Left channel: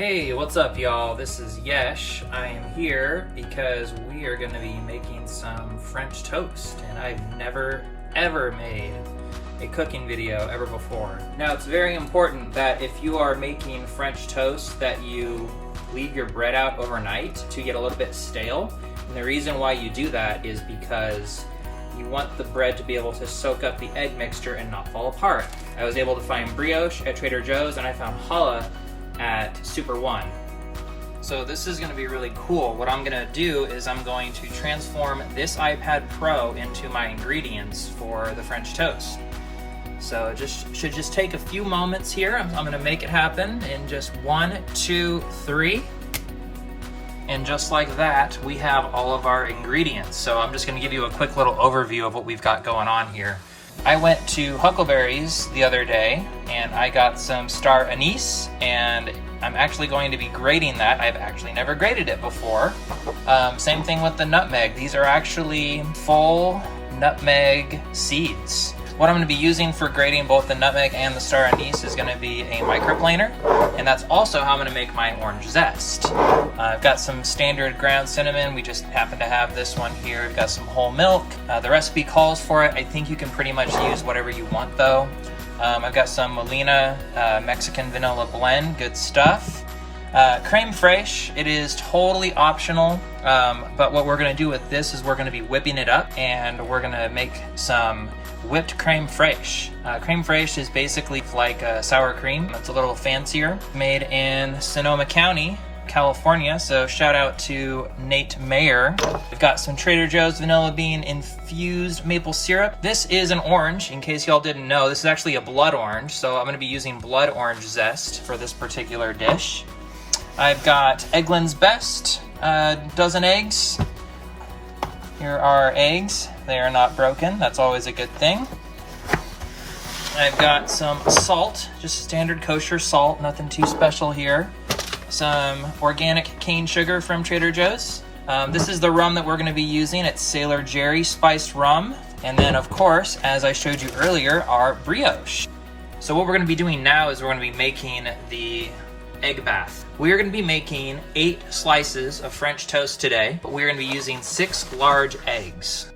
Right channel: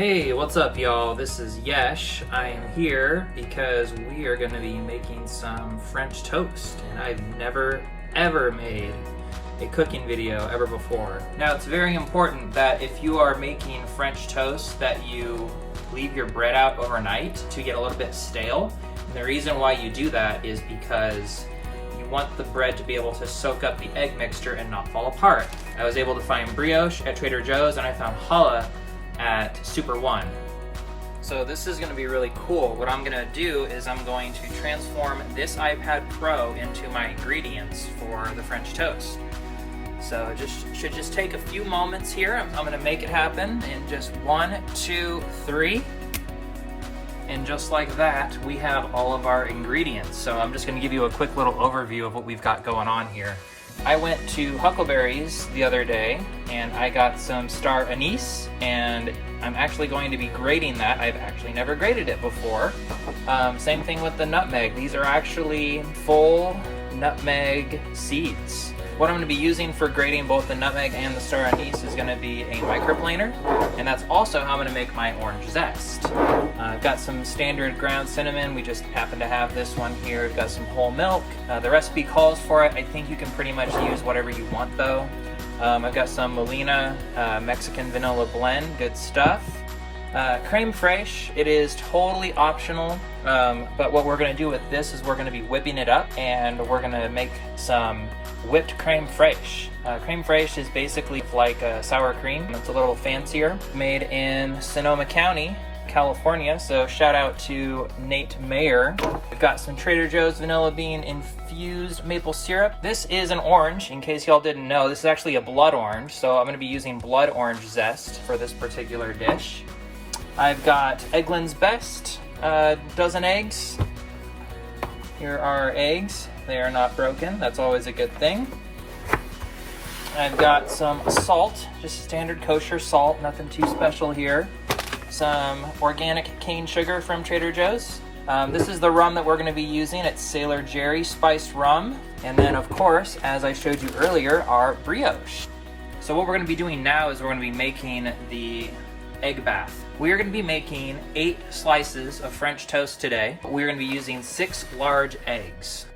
Hey, what's up y'all? This is Yesh. I am here because we are going to be making some French toast, and I've never ever made a cooking video ever before. Now, it's very important that if you are making French toast that you leave your bread out overnight to get a little bit stale. And the reason why you do that is because you want the bread to be able to soak up the egg mixture and not fall apart. I was able to find brioche at Trader Joe's, and I found challah at Super One. So this is going to be really cool. What I'm going to do is I'm going to transform this iPad Pro into my ingredients for the French toast. So it should just take a few moments here. I'm going to make it happen in just 1, 2, 3. And just like that, we have all of our ingredients. So I'm just going to give you a quick little overview of what we've got going on here. I went to Huckleberry's the other day and I got some star anise, and I'm actually going to be grating that. I've actually never grated it before. Same thing with the nutmeg. These are actually full nutmeg seeds. What I'm going to be using for grating both the nutmeg and the star anise is going to be a microplaner, and that's also how I'm going to make my orange zest. I've got some standard ground cinnamon. We just happen to have this one here. We've got some whole milk. The recipe calls for it. I think you can pretty much use whatever you want though. I've got some Molina Mexican vanilla blend. Good stuff. Creme fraiche, it is totally optional, but what we're going to do with this is we're going to be whipping it up, and we're going to make some whipped creme fraiche. Creme fraiche is basically like sour cream. It's a little fancier. Made in Sonoma County, California, so shout out to Nate Mayer. We've got some Trader Joe's vanilla bean infused maple syrup. This is an orange, in case y'all didn't know. This is actually a blood orange, so I'm going to be using blood orange zest for this particular dish. I've got Eggland's Best, dozen eggs. Here are eggs. They are not broken. That's always a good thing. I've got some salt, just standard kosher salt, nothing too special here. Some organic cane sugar from Trader Joe's. This is the rum that we're going to be using. It's Sailor Jerry spiced rum. And then, of course, as I showed you earlier, our brioche. So what we're going to be doing now is we're going to be making the egg bath. We are going to be making 8 slices of French toast today. We're going to be using 6 large eggs.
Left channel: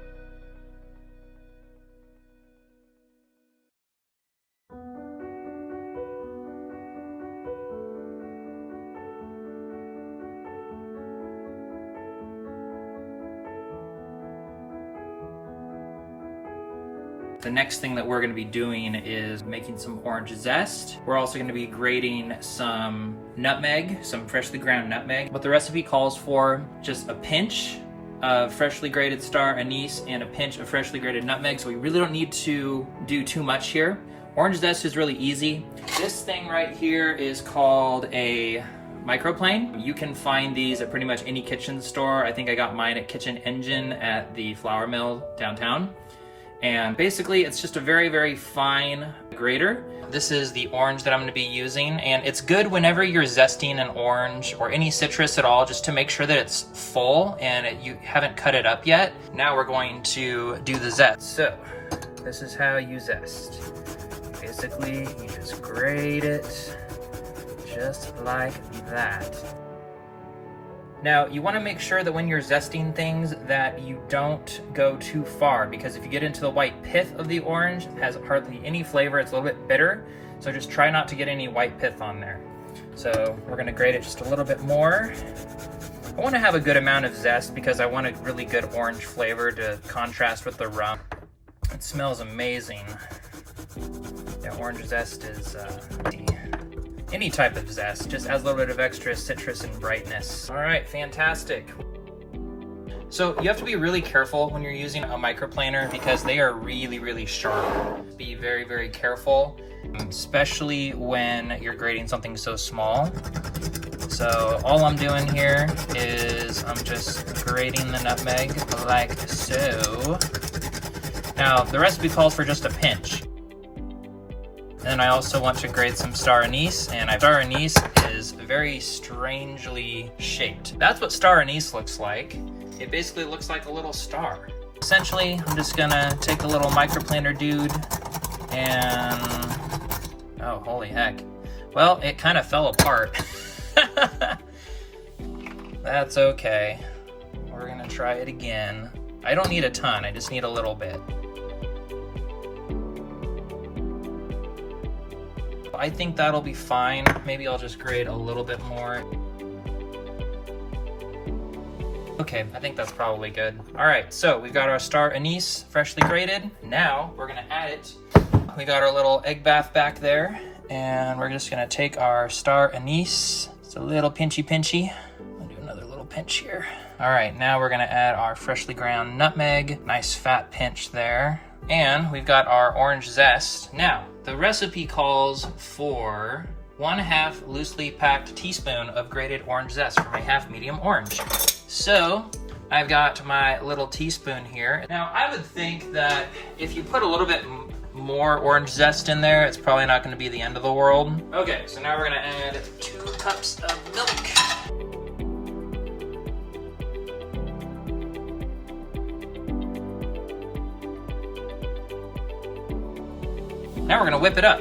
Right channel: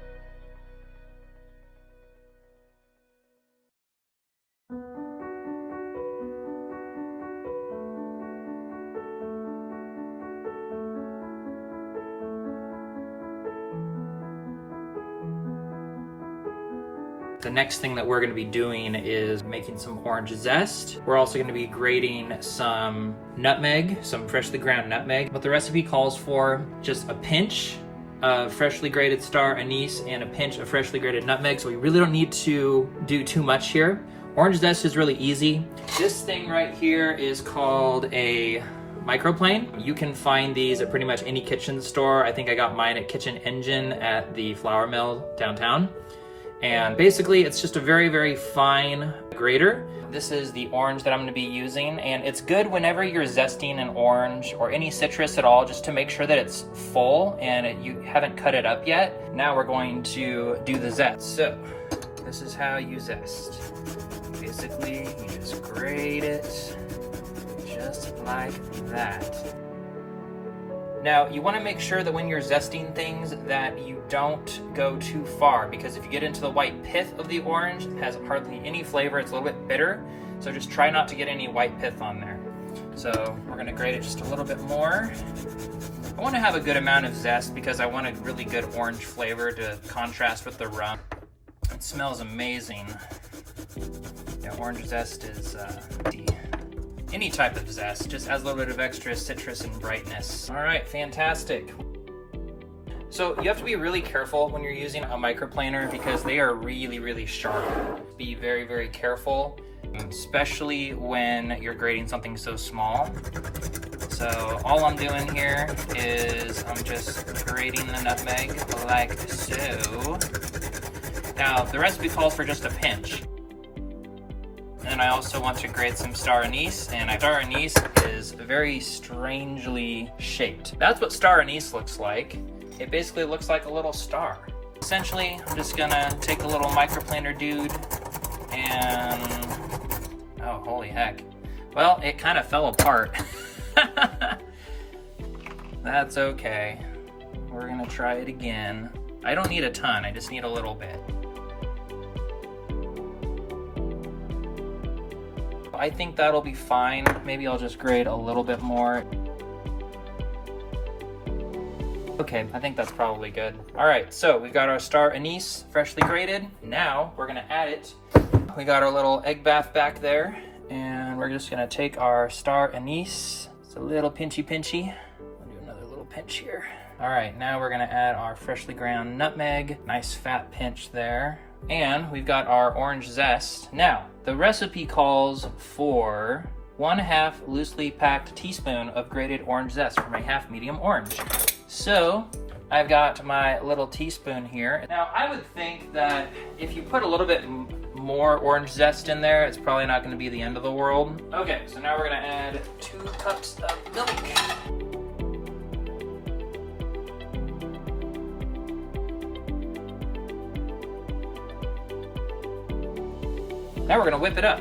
The next thing that we're going to be doing is making some orange zest. We're also going to be grating some nutmeg, some freshly ground nutmeg. What the recipe calls for, just a pinch of freshly grated star anise and a pinch of freshly grated nutmeg, so we really don't need to do too much here. Orange zest is really easy. This thing right here is called a microplane. You can find these at pretty much any kitchen store. I think I got mine at Kitchen Engine at the flour mill downtown. And basically it's just a very, very fine grater. This is the orange that I'm going to be using, and it's good whenever you're zesting an orange or any citrus at all, just to make sure that it's full and you haven't cut it up yet. Now we're going to do the zest. So this is how you zest. Basically, you just grate it just like that. Now, you want to make sure that when you're zesting things that you don't go too far, because if you get into the white pith of the orange, it has hardly any flavor. It's a little bit bitter, so just try not to get any white pith on there. So we're going to grate it just a little bit more. I want to have a good amount of zest because I want a really good orange flavor to contrast with the rum. It smells amazing. Yeah, orange zest is any type of zest, just adds a little bit of extra citrus and brightness. All right, fantastic. So you have to be really careful when you're using a microplaner because they are really, really sharp. Be very, very careful, especially when you're grating something so small. So all I'm doing here is I'm just grating the nutmeg like so. Now, the recipe calls for just a pinch. And I also want to grate some star anise, and star anise is very strangely shaped. That's what star anise looks like. It basically looks like a little star. Essentially, I'm just gonna take a little microplaner dude and, oh, holy heck. Well, it kind of fell apart. That's okay. We're gonna try it again. I don't need a ton, I just need a little bit. I think that'll be fine. Maybe I'll just grate a little bit more. Okay, I think that's probably good. All right, so we've got our star anise freshly grated. Now we're gonna add it. We got our little egg bath back there, and we're just gonna take our star anise. It's a little pinchy. I'll do another little pinch here. All right, now we're gonna add our freshly ground nutmeg. Nice fat pinch there. And we've got our orange zest. Now, the recipe calls for 1/2 loosely packed teaspoon of grated orange zest for my half medium orange. So I've got my little teaspoon here. Now I would think that if you put a little bit more orange zest in there, it's probably not gonna be the end of the world. Okay, so now we're gonna add 2 cups of milk. Now we're gonna whip it up.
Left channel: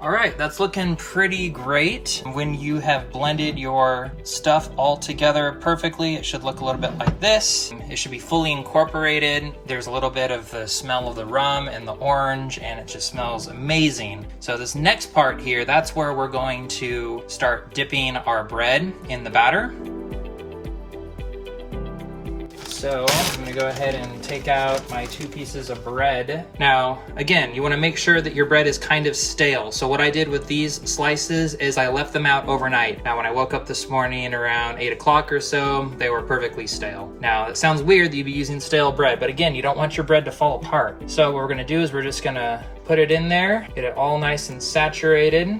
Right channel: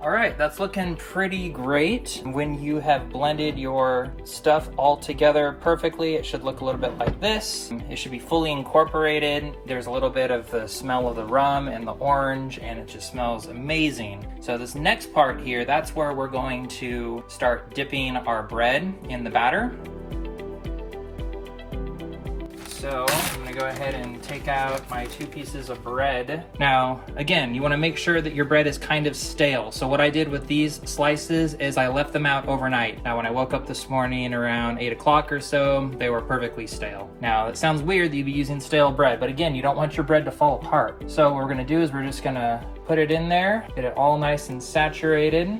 All right, that's looking pretty great. When you have blended your stuff all together perfectly, it should look a little bit like this. It should be fully incorporated. There's a little bit of the smell of the rum and the orange, and it just smells amazing. So this next part here, that's where we're going to start dipping our bread in the batter. So I'm gonna go ahead and take out my 2 pieces of bread. Now, again, you wanna make sure that your bread is kind of stale. So what I did with these slices is I left them out overnight. Now, when I woke up this morning around 8 o'clock or so, they were perfectly stale. Now, it sounds weird that you'd be using stale bread, but again, you don't want your bread to fall apart. So what we're gonna do is we're just gonna put it in there, get it all nice and saturated.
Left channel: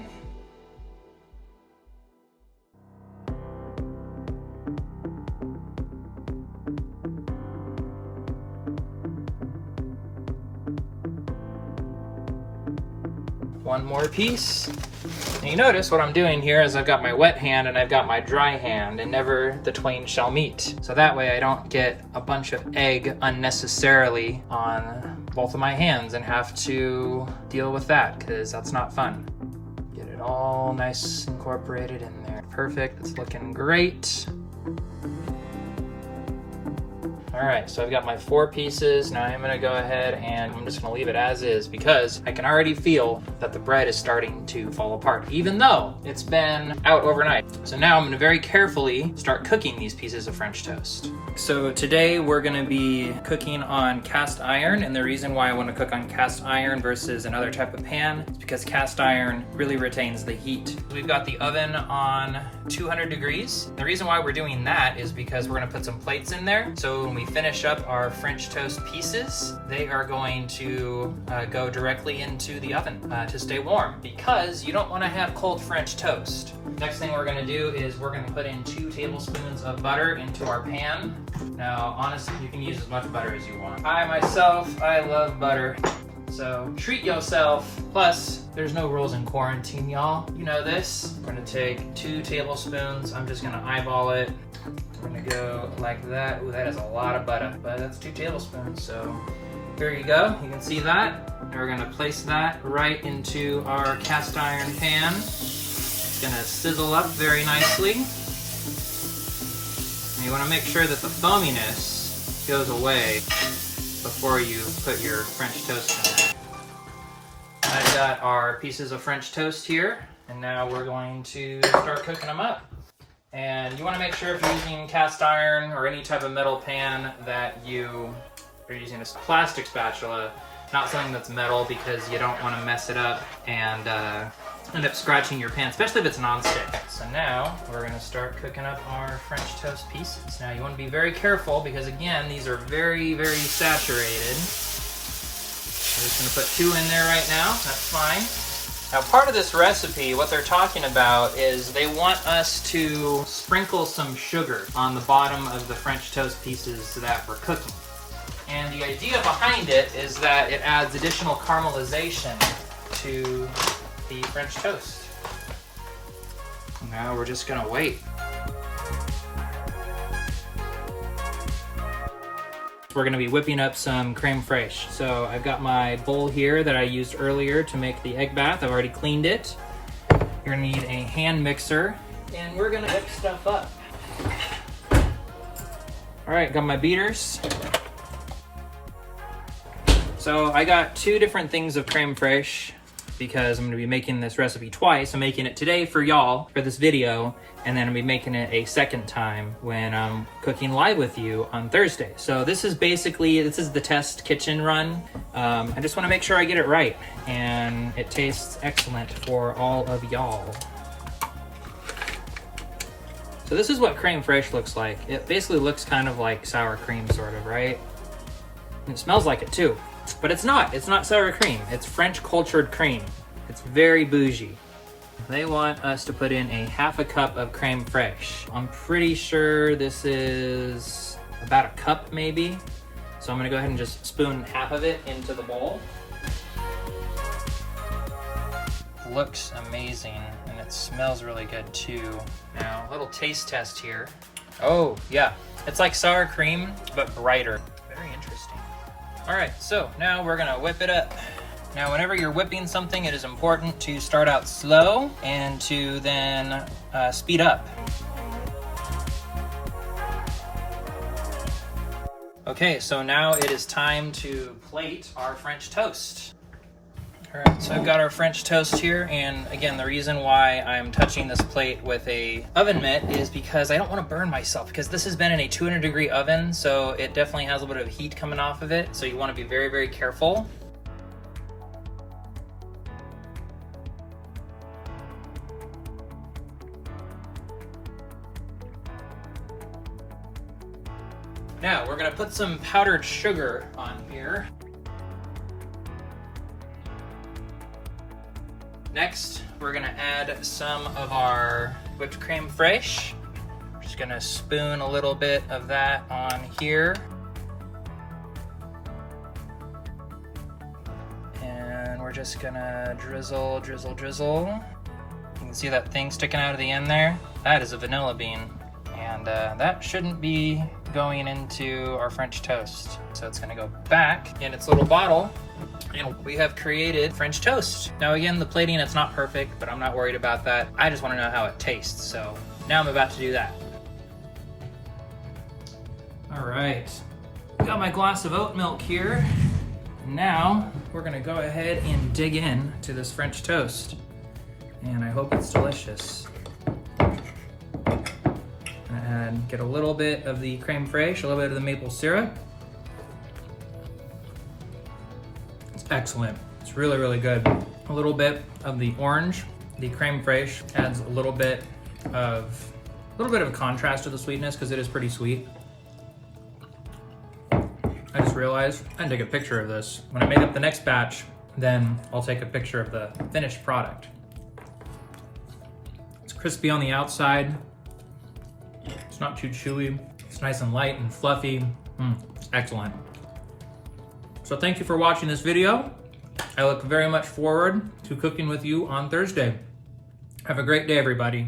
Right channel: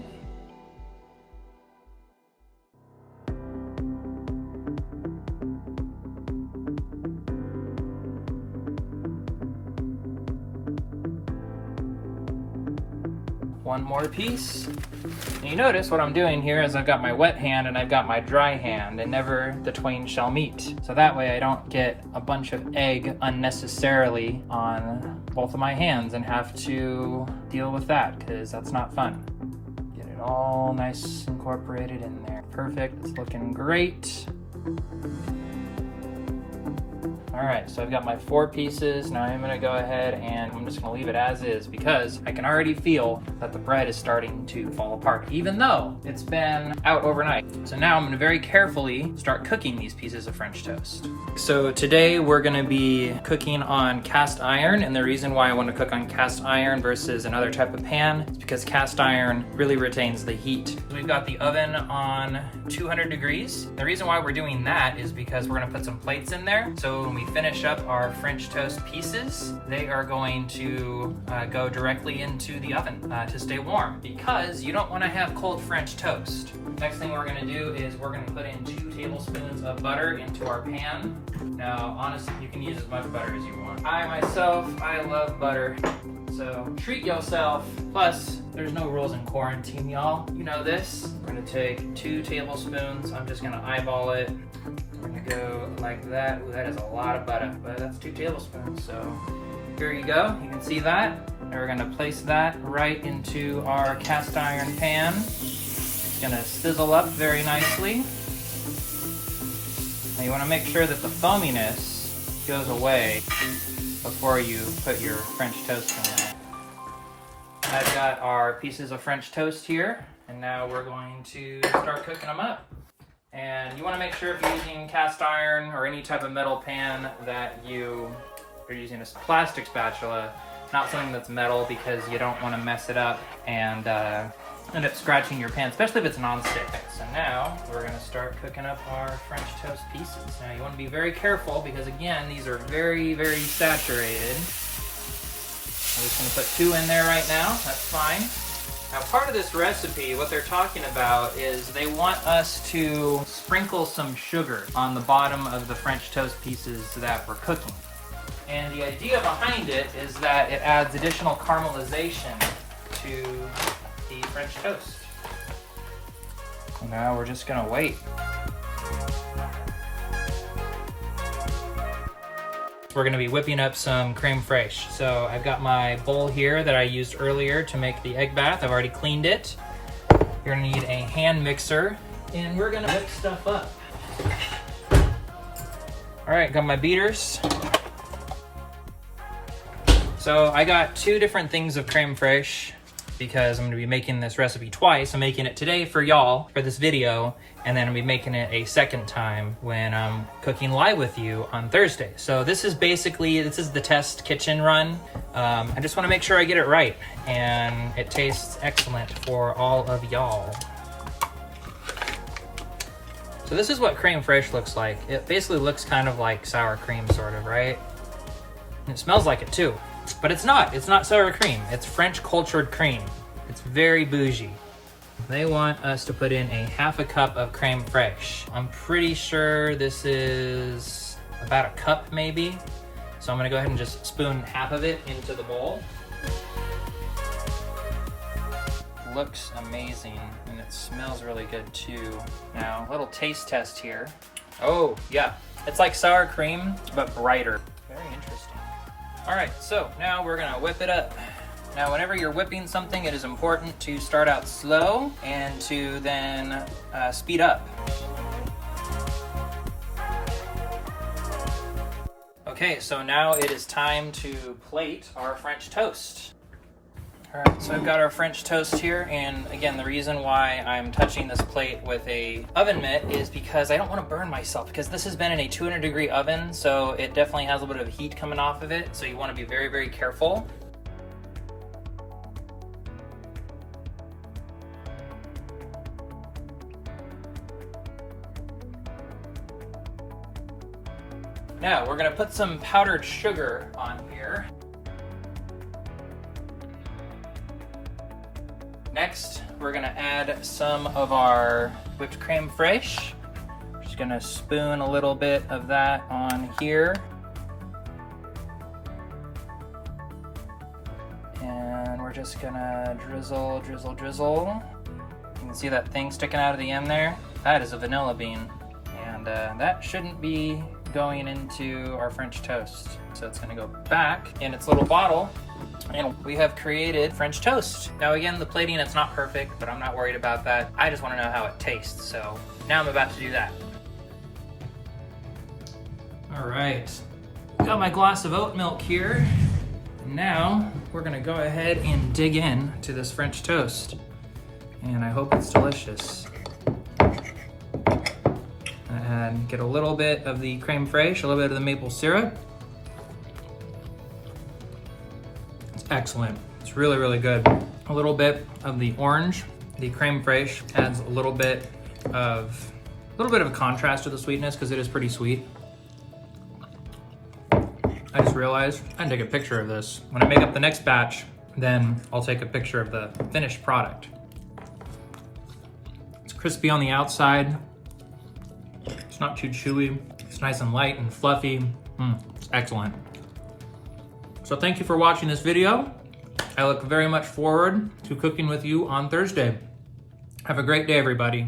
One more piece. And you notice what I'm doing here is I've got my wet hand and I've got my dry hand, and never the twain shall meet. So that way I don't get a bunch of egg unnecessarily on both of my hands and have to deal with that, because that's not fun. Get it all nice incorporated in there. Perfect, it's looking great. All right, so I've got my 4 pieces. Now I'm gonna go ahead and I'm just gonna leave it as is, because I can already feel that the bread is starting to fall apart, even though it's been out overnight. So now I'm gonna very carefully start cooking these pieces of French toast. So today we're gonna be cooking on cast iron, and the reason why I wanna cook on cast iron versus another type of pan is because cast iron really retains the heat. We've got the oven on 200 degrees. The reason why we're doing that is because we're gonna put some plates in there. So when we finish up our French toast pieces, they are going to go directly into the oven to stay warm, because you don't want to have cold French toast. Next thing we're going to do is we're going to put in 2 tablespoons of butter into our pan. Now, honestly, you can use as much butter as you want. I love butter. So treat yourself. Plus, there's no rules in quarantine, y'all. You know this. We're gonna take 2 tablespoons. I'm just gonna eyeball it. We're gonna go like that. Ooh, that is a lot of butter, but that's 2 tablespoons. So here you go. You can see that. And we're gonna place that right into our cast iron pan. It's gonna sizzle up very nicely. And you wanna make sure that the foaminess goes away before you put your French toast in there. I've got our pieces of French toast here, and now we're going to start cooking them up. And you want to make sure if you're using cast iron or any type of metal pan that you're using a plastic spatula, not something that's metal, because you don't want to mess it up and end up scratching your pan, especially if it's non-stick. So now we're going to start cooking up our French toast pieces. Now you want to be very careful, because again, these are very, very saturated. I'm just going to put 2 in there right now. That's fine. Now, part of this recipe, what they're talking about is they want us to sprinkle some sugar on the bottom of the French toast pieces that we're cooking. And the idea behind it is that it adds additional caramelization to the French toast. So now we're just gonna wait. We're gonna be whipping up some creme fraiche. So I've got my bowl here that I used earlier to make the egg bath. I've already cleaned it. You're gonna need a hand mixer, and we're gonna mix stuff up. All right, got my beaters. So I got 2 different things of creme fraiche because I'm gonna be making this recipe twice. I'm making it today for y'all for this video, and then I'll be making it a second time when I'm cooking live with you on Thursday. So this is the test kitchen run. I just wanna make sure I get it right and it tastes excellent for all of y'all. So this is what creme fraiche looks like. It basically looks kind of like sour cream, sort of, right? And it smells like it too, but it's not sour cream. It's French cultured cream. It's very bougie. They want us to put in a half a cup of creme fraiche. I'm pretty sure this is about a cup maybe. So I'm gonna go ahead and just spoon half of it into the bowl. Looks amazing, and it smells really good too. Now, a little taste test here. Oh, yeah, it's like sour cream, but brighter. Very interesting. All right, so now we're gonna whip it up. Now, whenever you're whipping something, it is important to start out slow and to then speed up. Okay, so now it is time to plate our French toast. All right, so I've got our French toast here, and again, the reason why I'm touching this plate with a oven mitt is because I don't want to burn myself, because this has been in a 200-degree oven, so it definitely has a little bit of heat coming off of it, so you want to be very, very careful. Now, we're gonna put some powdered sugar on here. Next, we're gonna add some of our whipped creme fraiche. Just gonna spoon a little bit of that on here. And we're just gonna drizzle, drizzle, drizzle. You can see that thing sticking out of the end there? That is a vanilla bean. And that shouldn't be going into our French toast. So it's gonna go back in its little bottle, and we have created French toast. Now again, the plating, it's not perfect, but I'm not worried about that. I just wanna know how it tastes, so now I'm about to do that. All right, got my glass of oat milk here. Now, we're gonna go ahead and dig in to this French toast, and I hope it's delicious. And get a little bit of the creme fraiche, a little bit of the maple syrup. It's excellent. It's really, really good. A little bit of the orange, the creme fraiche adds a little bit of a contrast to the sweetness because it is pretty sweet. I just realized I can take a picture of this. When I make up the next batch, then I'll take a picture of the finished product. It's crispy on the outside. It's not too chewy. It's nice and light and fluffy. It's excellent. So thank you for watching this video. I look very much forward to cooking with you on Thursday. Have a great day, everybody.